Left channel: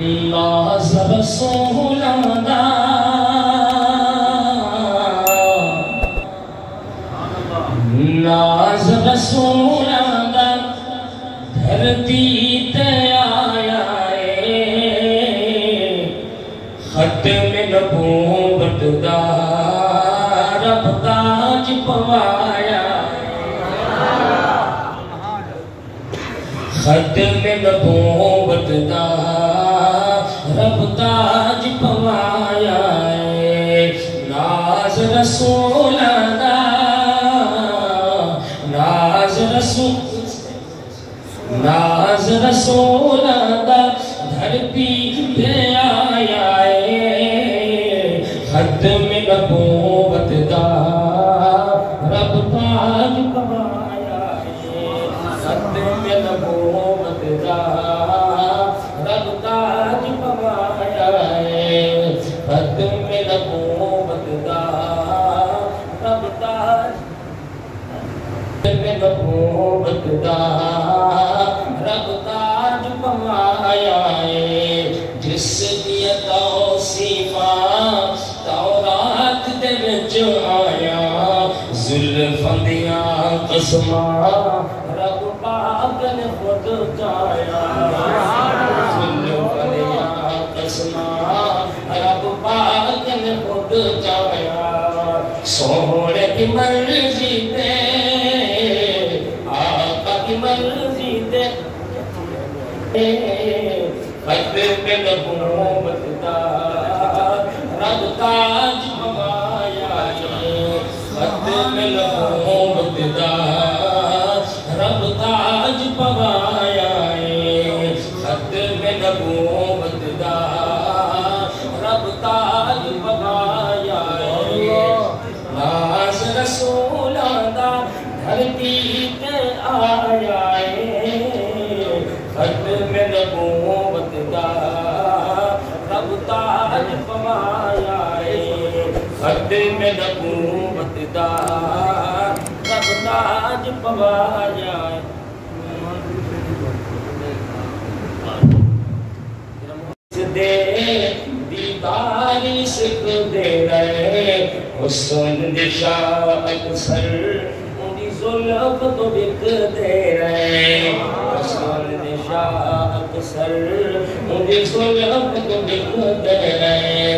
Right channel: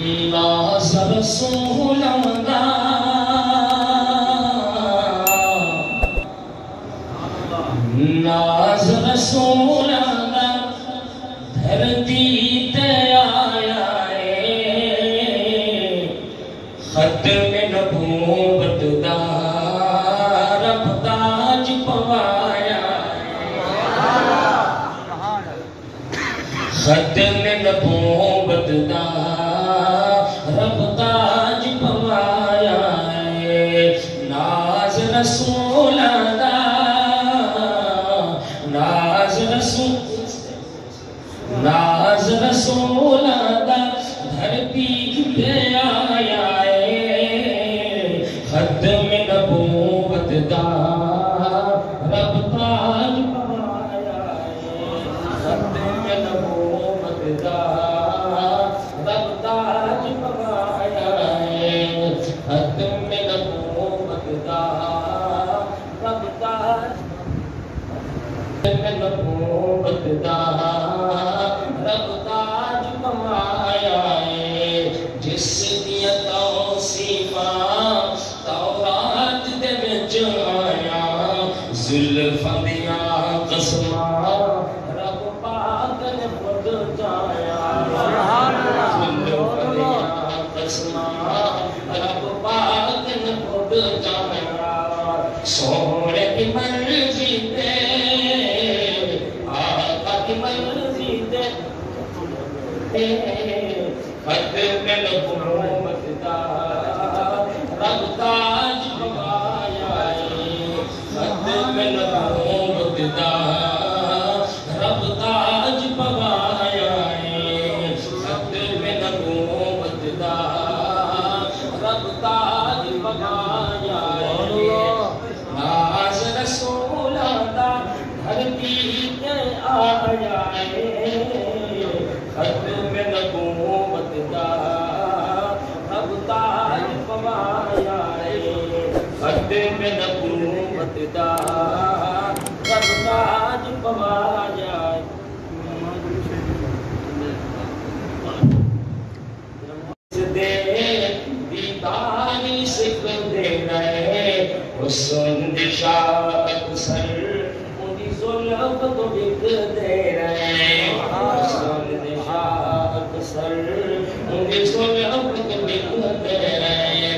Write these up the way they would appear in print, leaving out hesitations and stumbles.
ناز رسول دا ناز رسول دا دھرتی تے آیا ہے ختم نبوت دا رب تاج پوایا ختم نبوت دا رب تاج پوایا ناز رسول دا ناز رسول دا دھرتی پہ آیا ختم نبوت دا رب تاج پوایا ختم نبوت دا رب تاج پوایا ختم نبوت دا رب تاج ختم نبوت دا رب تاج پوایا جس دیا توصیفاں تورات دے وچ آیا زلفاں دیاں قسماں رب پاک نے خود جایا زلفاں دیاں قسماں رب پاک نے خود جایا سونے کی مرضی تے آقا کی مرضی تے ختم نبوت دا رب تاج پوایا ختم نبوت دا رب تاج پوایا ختم نبوت دا رب تاج پوایا ناز رسول دا دھرتی پہ آیا ختم نبوت دا رب تاج پوایا ختم نبوت دا رب تاج پوایا دے دیدار سکھ دے رہے حسن دشاعت سر انہی ظلف تو بک دے رہے حسن دشاعت سر انہی ظلف تو بک دے رہے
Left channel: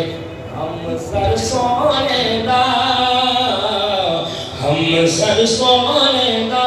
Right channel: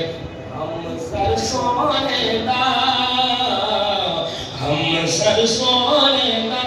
ہم سر سونے دا ہم سر سونے دا